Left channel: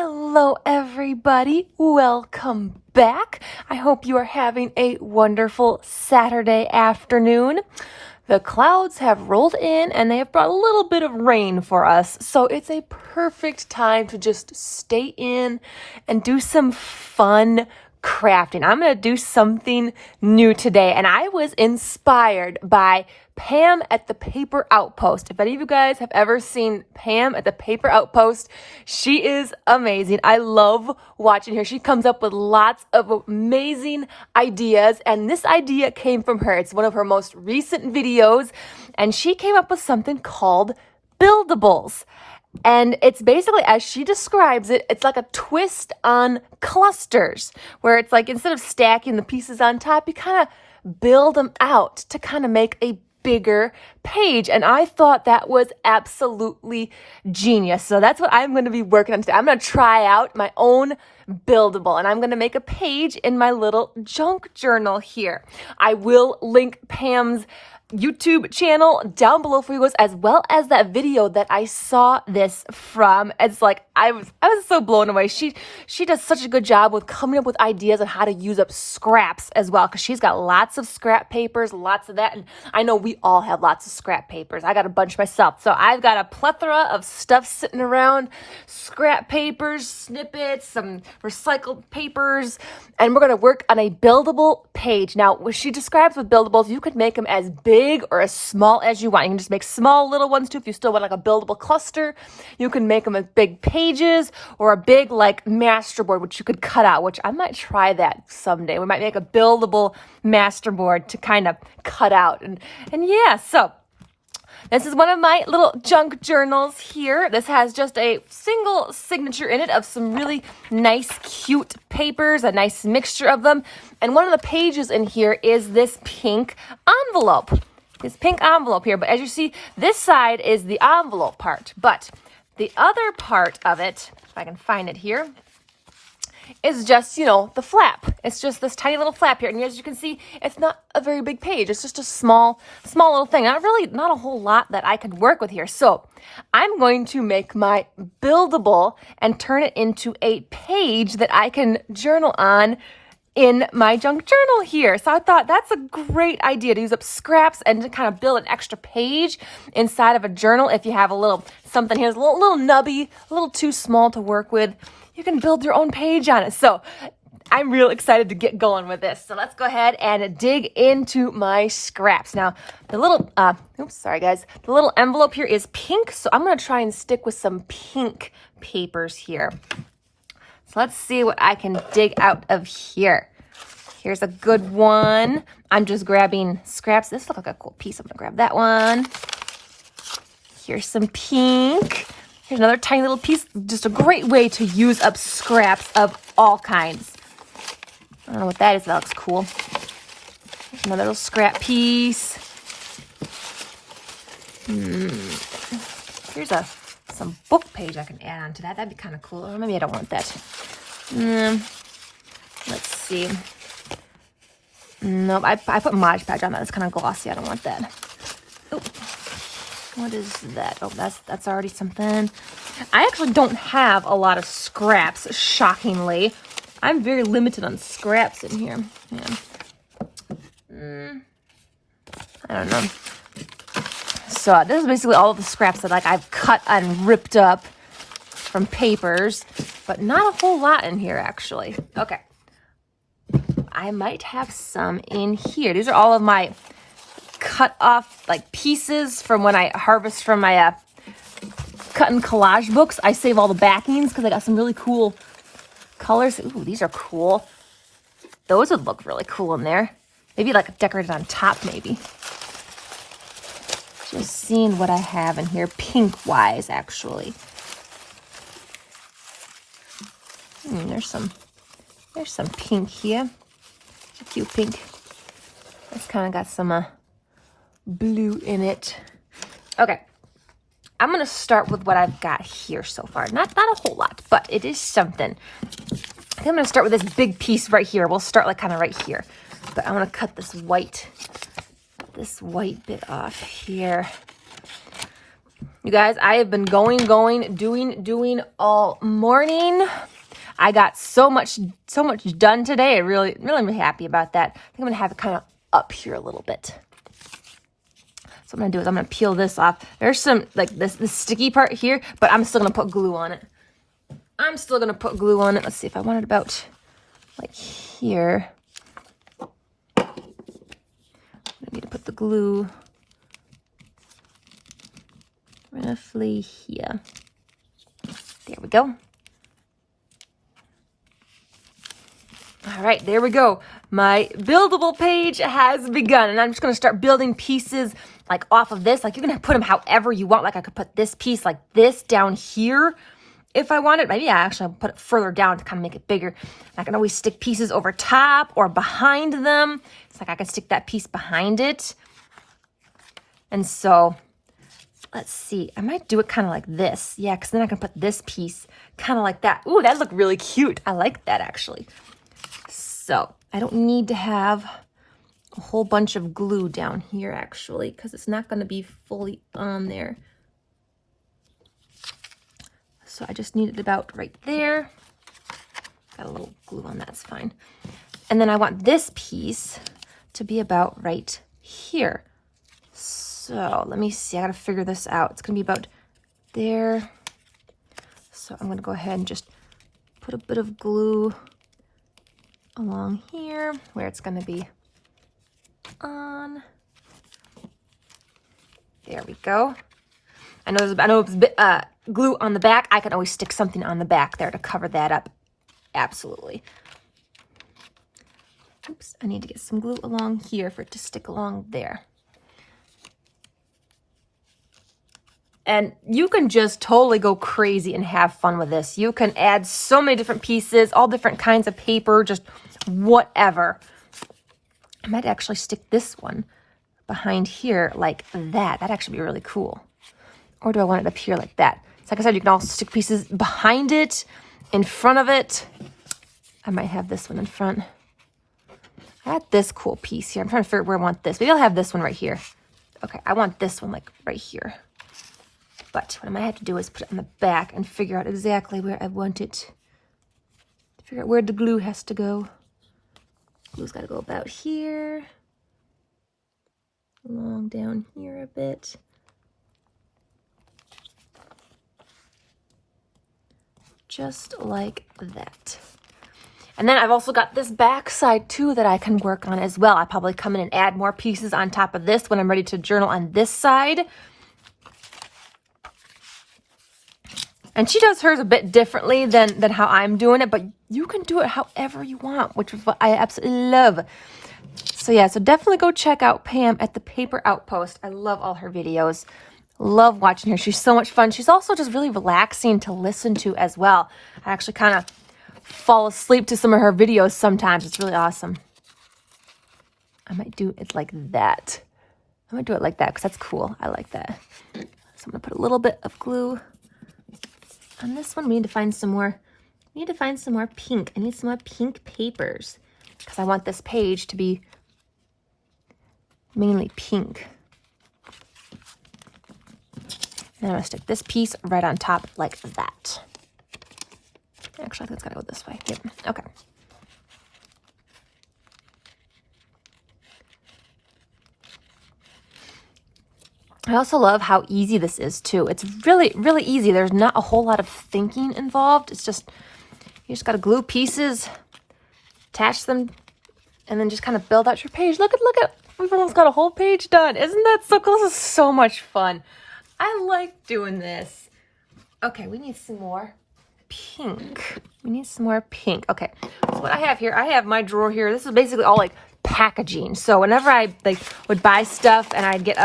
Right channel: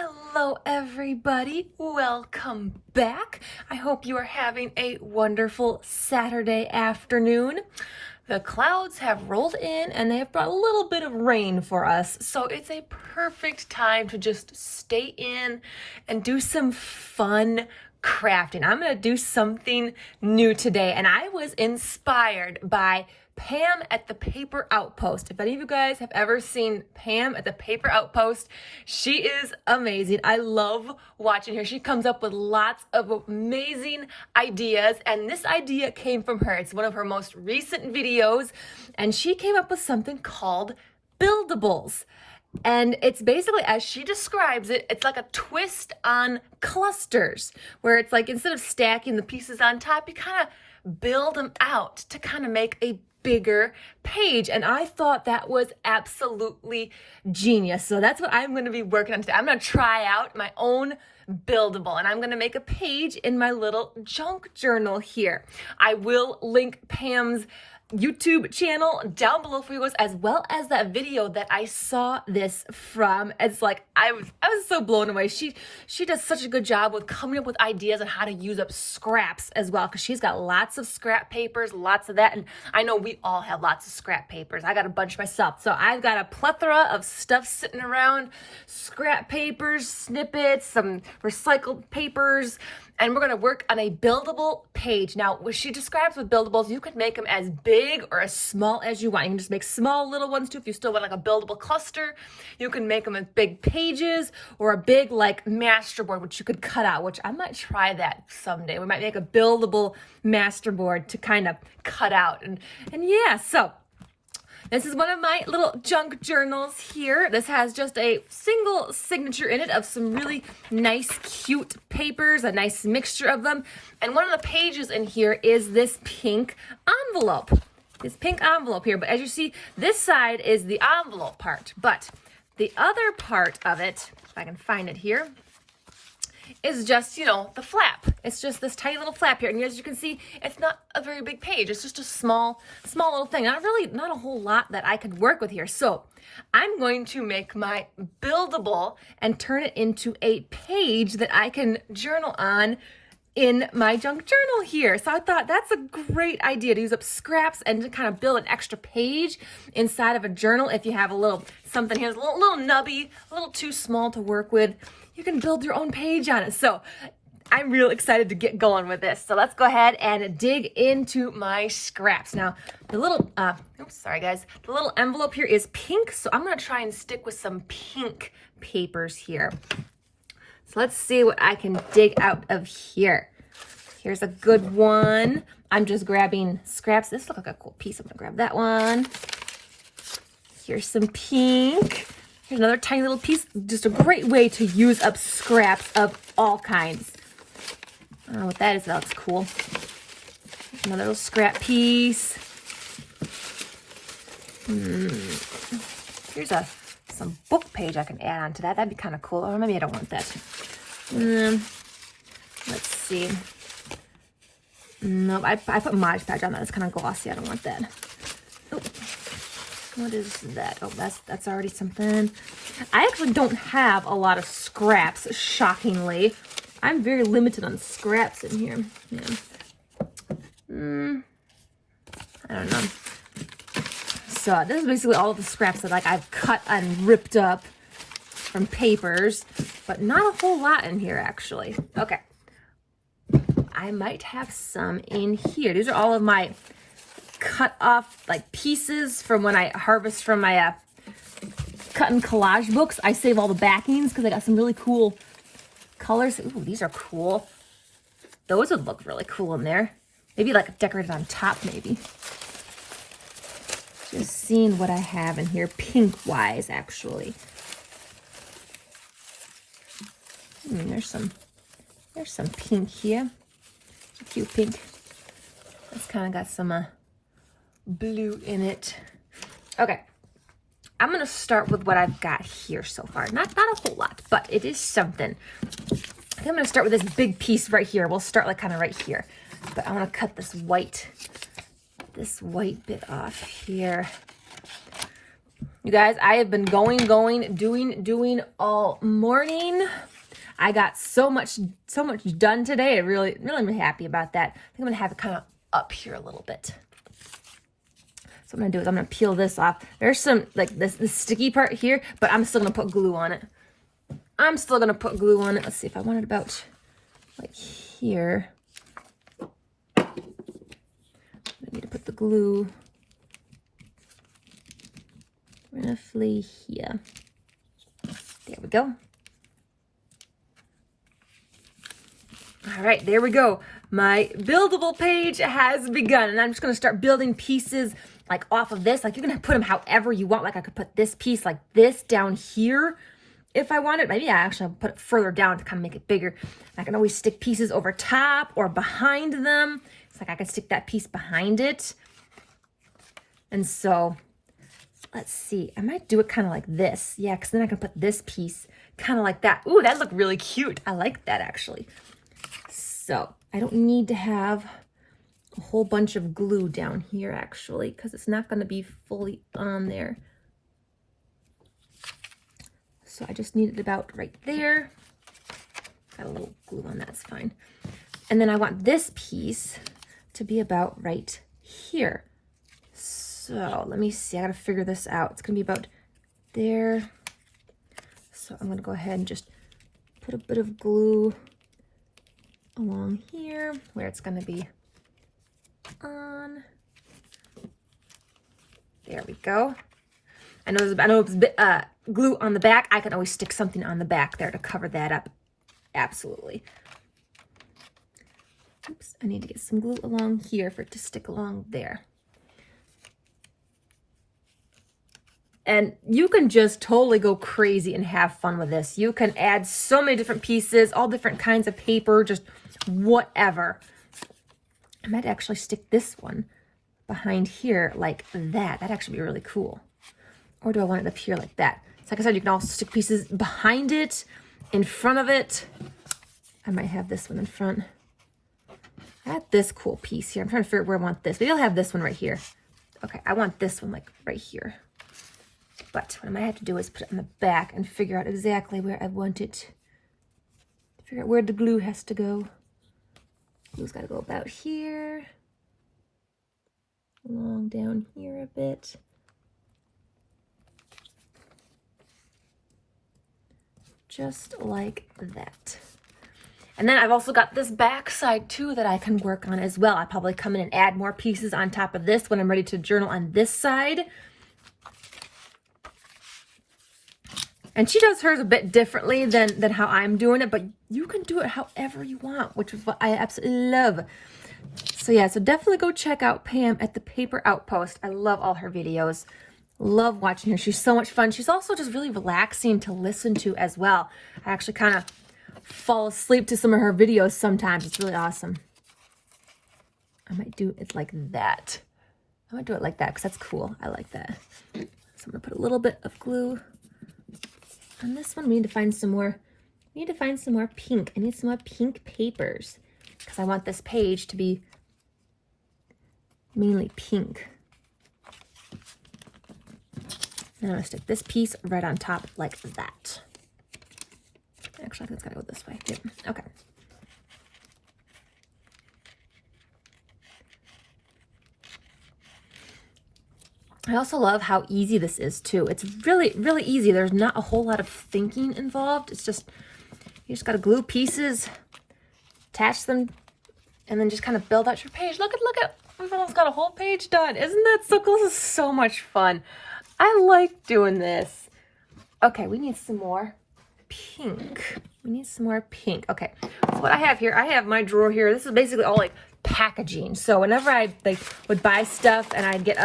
Hello, everybody. Welcome back. I hope you are having a wonderful Saturday afternoon. The clouds have rolled in and they have brought a little bit of rain for us. So it's a perfect time to just stay in and do some fun crafting. I'm going to do something new today, and I was inspired by Pam at the Paper Outpost. If any of you guys have ever seen Pam at the Paper Outpost, she is amazing. I love watching her. She comes up with lots of amazing ideas, and this idea came from her. It's one of her most recent videos, and she came up with something called Buildables. And it's basically, as she describes it, it's like a twist on clusters, where it's like instead of stacking the pieces on top, you kind of build them out to kind of make a bigger page. And I thought that was absolutely genius. So that's what I'm going to be working on today. I'm going to try out my own buildable, and I'm going to make a page in my little junk journal here. I will link Pam's YouTube channel down below for you guys, as well as that video that I saw this from. It's like I was so blown away. She does such a good job with coming up with ideas on how to use up scraps as well, because she's got lots of scrap papers, lots of that, and I know we all have lots of scrap papers. I got a bunch myself, so I've got a plethora of stuff sitting around: scrap papers, snippets, some recycled papers. And we're going to work on a buildable page. Now, what she describes with buildables, you could make them as big or as small as you want. You can just make small little ones too if you still want like a buildable cluster. You can make them as big pages or a big like masterboard, which you could cut out, which I might try that someday. We might make a buildable masterboard to kind of cut out. And yeah, so this is one of my little junk journals here. This has just a single signature in it of some really nice, cute papers, a nice mixture of them. And one of the pages in here is this pink envelope. This pink envelope here. But as you see, this side is the envelope part. But the other part of it, if I can find it here, is just, the flap. It's just this tiny little flap here. And as you can see, it's not a very big page. It's just a small little thing. Not a whole lot that I could work with here. So I'm going to make my buildable and turn it into a page that I can journal on in my junk journal here. So I thought that's a great idea to use up scraps and to kind of build an extra page inside of a journal. If you have a little something here, a little nubby, a little too small to work with, you can build your own page on it. So I'm real excited to get going with this. So let's go ahead and dig into my scraps. Now, the little, sorry guys. The little envelope here is pink. So I'm going to try and stick with some pink papers here. So let's see what I can dig out of here. Here's a good one. I'm just grabbing scraps. This looks like a cool piece. I'm going to grab that one. Here's some pink. Here's another tiny little piece. Just a great way to use up scraps of all kinds. I don't know what that is. That looks cool. Another little scrap piece. Here's some book page I can add on to that. That'd be kind of cool. Or maybe I don't want that. Let's see. Nope, I put Mod Podge on that. It's kind of glossy. I don't want that. Oh. What is that? Oh, that's already something. I actually don't have a lot of scraps, shockingly. I'm very limited on scraps in here. Yeah. I don't know. So this is basically all of the scraps that I've cut and ripped up from papers, but not a whole lot in here actually. Okay. I might have some in here. These are all of my cut off pieces from when I harvest from my cut and collage books. I save all the backings because I got some really cool colors. Ooh, these are cool. Those would look really cool in there. Maybe decorated on top, maybe. Just seeing what I have in here, pink wise, actually. There's some pink here. Cute pink. It's kind of got some blue in it. Okay, I'm gonna start with what I've got here so far. Not a whole lot, but it is something. I think I'm gonna start with this big piece right here. We'll start kind of right here, but I want to cut this white bit off here. You guys, I have been doing all morning. I got so much done today. I really am happy about that. I think I'm gonna have it kind of up here a little bit. So what I'm gonna do is I'm gonna peel this off. There's some like this sticky part here, but I'm still gonna put glue on it. Let's see if I want it about like here. I need to put the glue roughly here. There we go. All right, there we go. My buildable page has begun, and I'm just going to start building pieces like off of this. Like you can put them however you want. Like I could put this piece like this down here if I wanted. Maybe I actually put it further down to kind of make it bigger. I can always stick pieces over top or behind them. It's like I could stick that piece behind it. And so let's see. I might do it kind of like this. Yeah, because then I can put this piece kind of like that. Ooh, that looked really cute. I like that actually. So I don't need to have a whole bunch of glue down here actually, because it's not going to be fully on there. So I just need it about right there. Got a little glue on that, it's fine. And then I want this piece to be about right here. So let me see, I gotta figure this out. It's gonna be about there. So I'm gonna go ahead and just put a bit of glue along here where it's gonna be on. There we go. I know it's a bit glue on the back. I can always stick something on the back there to cover that up. Absolutely. Oops, I need to get some glue along here for it to stick along there. And you can just totally go crazy and have fun with this. You can add so many different pieces, all different kinds of paper, just whatever. I might actually stick this one behind here like that. That'd actually be really cool. Or do I want it up here like that? So like I said, you can also stick pieces behind it, in front of it. I might have this one in front. I got this cool piece here. I'm trying to figure out where I want this. Maybe I'll have this one right here. Okay, I want this one like right here. But what I might have to do is put it on the back and figure out exactly where I want it. Figure out where the glue has to go. Glue's got to go about here. Along down here a bit. Just like that. And then I've also got this back side too that I can work on as well. I probably come in and add more pieces on top of this when I'm ready to journal on this side. And she does hers a bit differently than how I'm doing it, but you can do it however you want, which is what I absolutely love. So yeah, so definitely go check out Pam at the Paper Outpost. I love all her videos. Love watching her. She's so much fun. She's also just really relaxing to listen to as well. I actually kind of fall asleep to some of her videos sometimes. It's really awesome. I might do it like that. I might do it like that because that's cool. I like that. So I'm going to put a little bit of glue on this one. We need to find some more. We need to find some more pink. I need some more pink papers because I want this page to be mainly pink. Then I'm going to stick this piece right on top like that. Actually, I think it's got to go this way. Yep. Okay. I also love how easy this is too. It's really, really easy. There's not a whole lot of thinking involved. It's just, you just got to glue pieces, attach them, and then just kind of build out your page. Look at, we've almost got a whole page done. Isn't that so cool? This is so much fun. I like doing this. Okay, we need some more pink. We need some more pink. Okay, so what I have here, I have my drawer here. This is basically all like packaging. So whenever I like would buy stuff and I'd get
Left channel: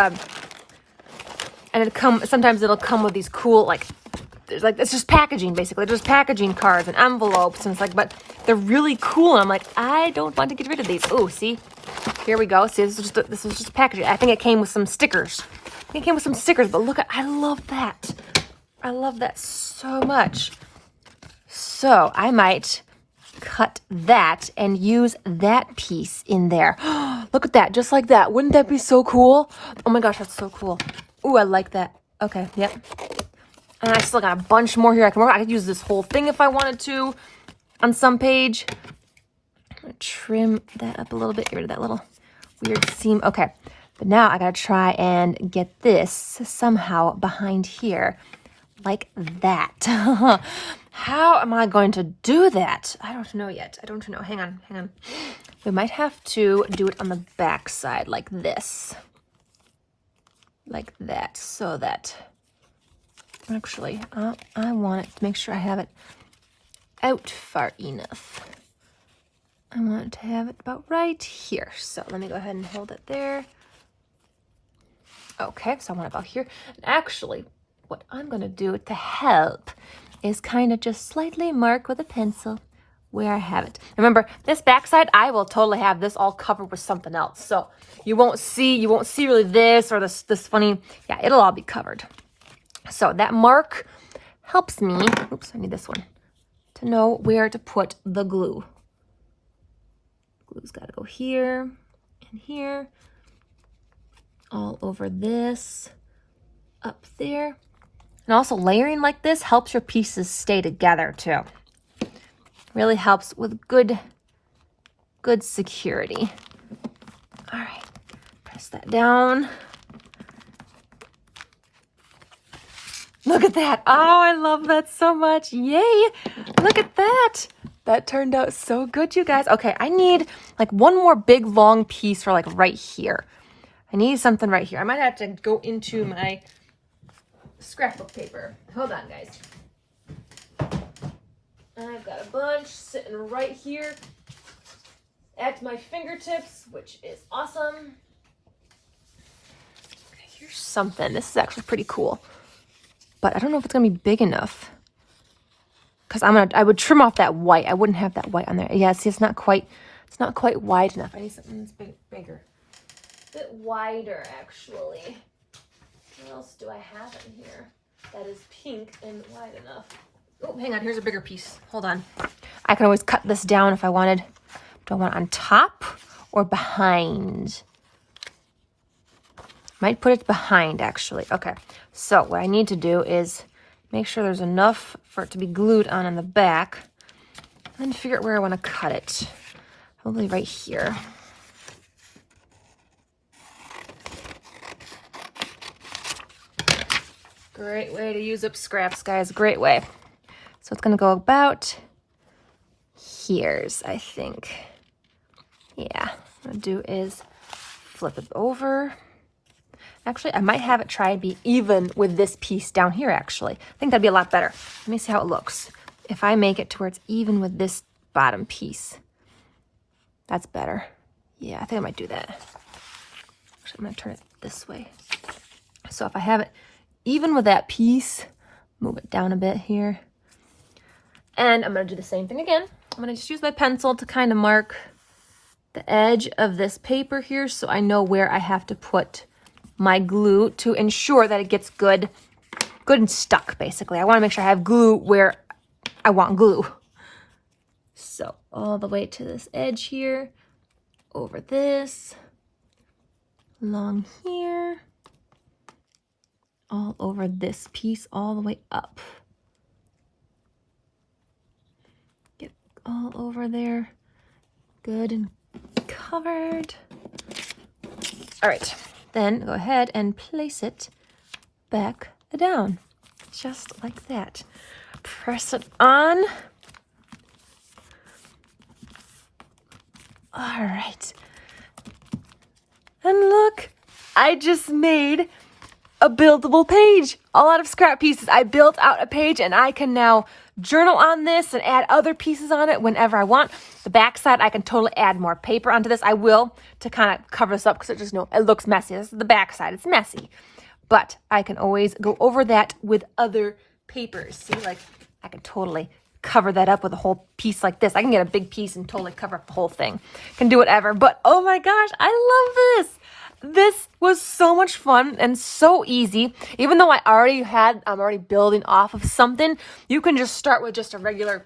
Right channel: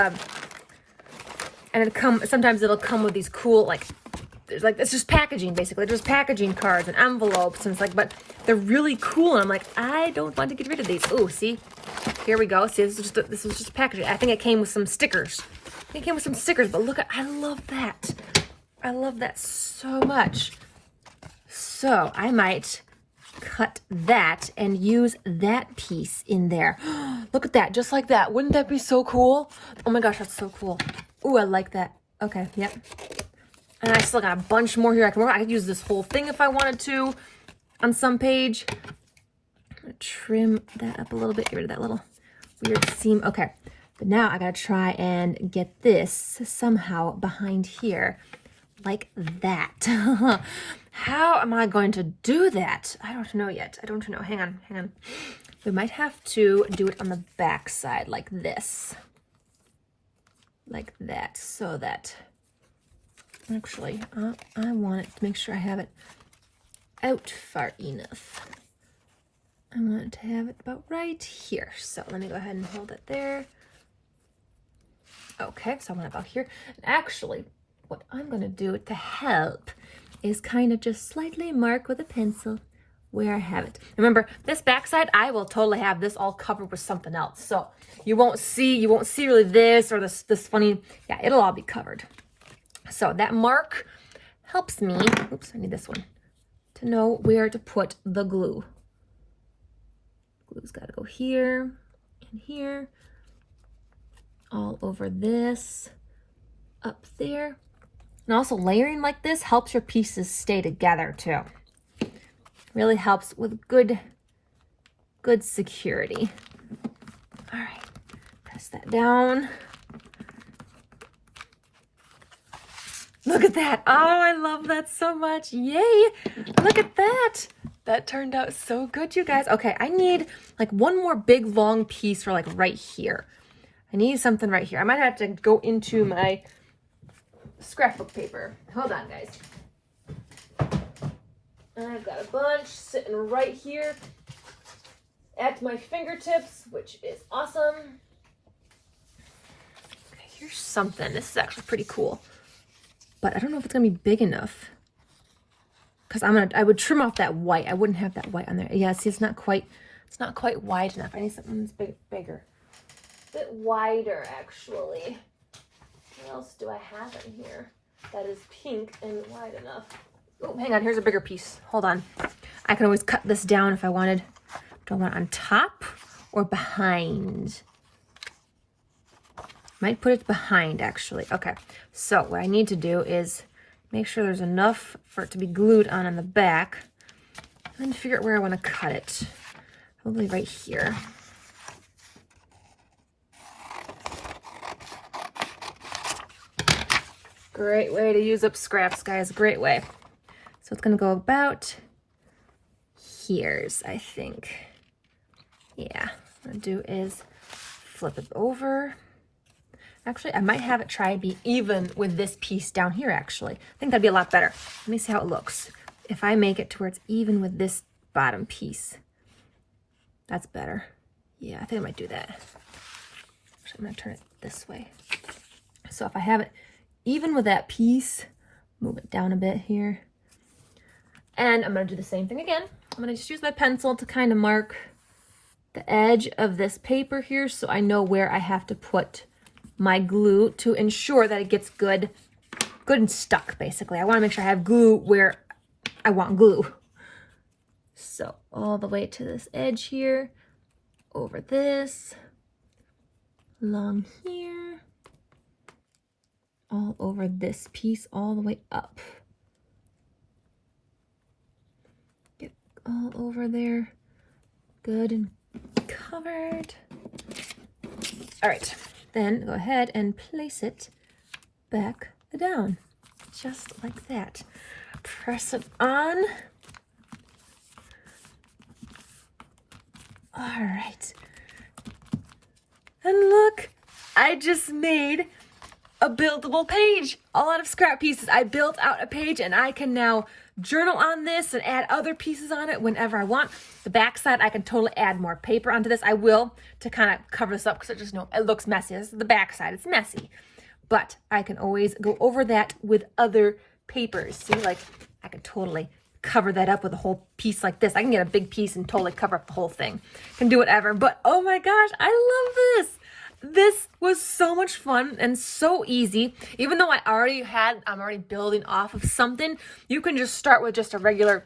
and sometimes it'll come with these cool it's just packaging basically. There's packaging cards and envelopes and it's like, but they're really cool. And I'm like, I don't want to get rid of these. Oh, see, here we go. See, this is just packaging. I think it came with some stickers. But look at, I love that. I love that so much. So I might cut that and use that piece in there. Look at that, just like that. Wouldn't that be so cool? Oh my gosh, that's so cool. Ooh, I like that. Okay, yep. And I still got a bunch more here I can work. I could use this whole thing if I wanted to on some page. I'm gonna trim that up a little bit, get rid of that little weird seam. Okay, but now I gotta try and get this somehow behind here like that. How am I going to do that? I don't know yet. I don't know. Hang on. We might have to do it on the back side like this. Like that, so that actually, I want it to make sure I have it out far enough. I want it to have it about right here. So let me go ahead and hold it there. Okay, so I want it about here. And actually, what I'm going to do to help is kind of just slightly mark with a pencil where I have it. Remember, this backside, I will totally have this all covered with something else. So you won't see really this or this funny, yeah, it'll all be covered. So that mark helps me, oops, I need this one, to know where to put the glue. Glue's got to go here and here, all over this, up there. And also layering like this helps your pieces stay together too. Really helps with good security. All right, press that down. Look at that. Oh, I love that so much. Yay. Look at that. That turned out so good, you guys. Okay, I need like one more big long piece for like right here. I need something right here. I might have to go into my scrapbook paper. Hold on, guys. And I've got a bunch sitting right here at my fingertips, which is awesome. Okay, here's something. This is actually pretty cool. But I don't know if it's gonna be big enough. Because I would trim off that white. I wouldn't have that white on there. Yeah, see, it's not quite wide enough. I need something that's bigger. A bit wider, actually. What else do I have in here that is pink and wide enough? Oh, hang on, here's a bigger piece. Hold on. I can always cut this down if I wanted. Do I want it on top or behind? Might put it behind, actually. Okay, so what I need to do is make sure there's enough for it to be glued on the back and figure out where I want to cut it. Probably right here. Great way to use up scraps, guys. Great way. So it's going to go about here's, I think. Yeah, what I'm going to do is flip it over. Actually, I might have it try and be even with this piece down here, actually. I think that'd be a lot better. Let me see how it looks. If I make it to where it's even with this bottom piece, that's better. Yeah, I think I might do that. Actually, I'm going to turn it this way. So if I have it even with that piece, move it down a bit here. And I'm going to do the same thing again. I'm going to just use my pencil to kind of mark the edge of this paper here so I know where I have to put my glue to ensure that it gets good and stuck, basically. I want to make sure I have glue where I want glue. So all the way to this edge here, over this, along here, all over this piece, all the way up. Get all over there, good and covered. All right. Then go ahead and place it back down, just like that. Press it on. All right. And look, I just made a buildable page, all out of scrap pieces. I built out a page and I can now journal on this and add other pieces on it whenever I want. The back side, I can totally add more paper onto this. I will to kind of cover this up because it looks messy. This is the back side. It's messy. But I can always go over that with other papers. See, like I can totally cover that up with a whole piece like this. I can get a big piece and totally cover up the whole thing. Can do whatever. But oh my gosh, I love this. This was so much fun and so easy. Even though I'm already building off of something, you can just start with just a regular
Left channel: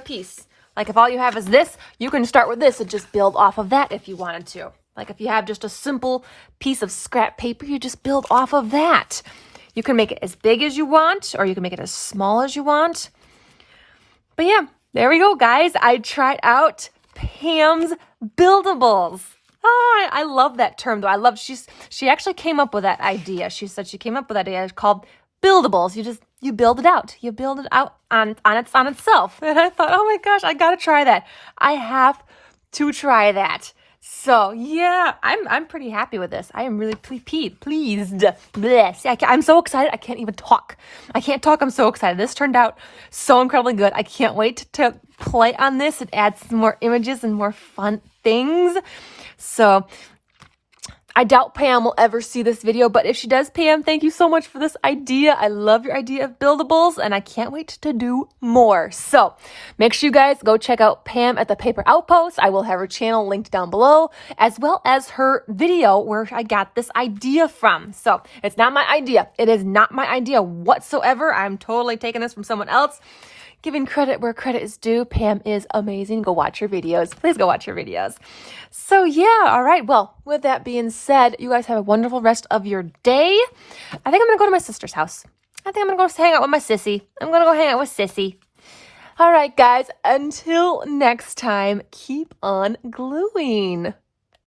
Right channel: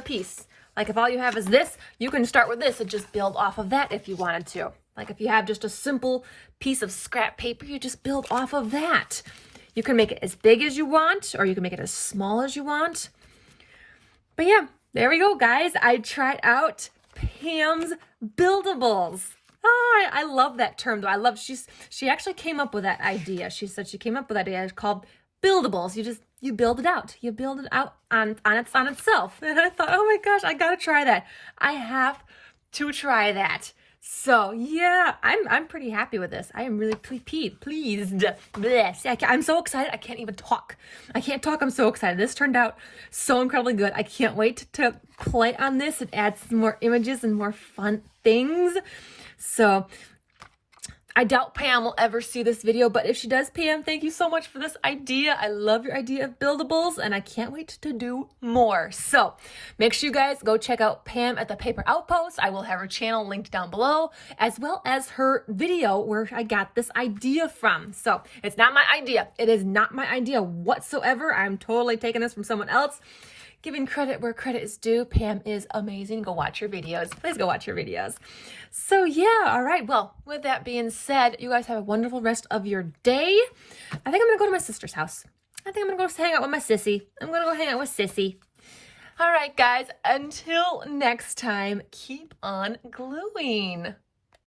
piece. Like if all you have is this, you can start with this and just build off of that if you wanted to. Like if you have just a simple piece of scrap paper, you just build off of that. You can make it as big as you want, or you can make it as small as you want. But yeah, there we go, guys. I tried out Pam's Buildables. Oh, I love that term though. She actually came up with that idea. She said she came up with that idea. It's called Buildables. You build it out. You build it out on itself. And I thought, oh my gosh, I gotta try that. I have to try that. So yeah, I'm pretty happy with this. I am really pleased. Bless. I'm so excited. I can't even talk. I can't talk. I'm so excited. This turned out so incredibly good. I can't wait to play on this and add some more images and more fun things. So I doubt Pam will ever see this video, but if she does, Pam, thank you so much for this idea. I love your idea of Buildables, and I can't wait to do more. So make sure you guys go check out Pam at the Paper Outpost. I will have her channel linked down below, as well as her video where I got this idea from. So it's not my idea. It is not my idea whatsoever. I'm totally taking this from someone else. Giving credit where credit is due. Pam is amazing. Go watch her videos. Please go watch her videos. So yeah, all right. Well, with that being said, you guys have a wonderful rest of your day. I think I'm going to go to my sister's house. I think I'm going to go hang out with my sissy. I'm going to go hang out with Sissy. All right, guys. Until next time, keep on gluing.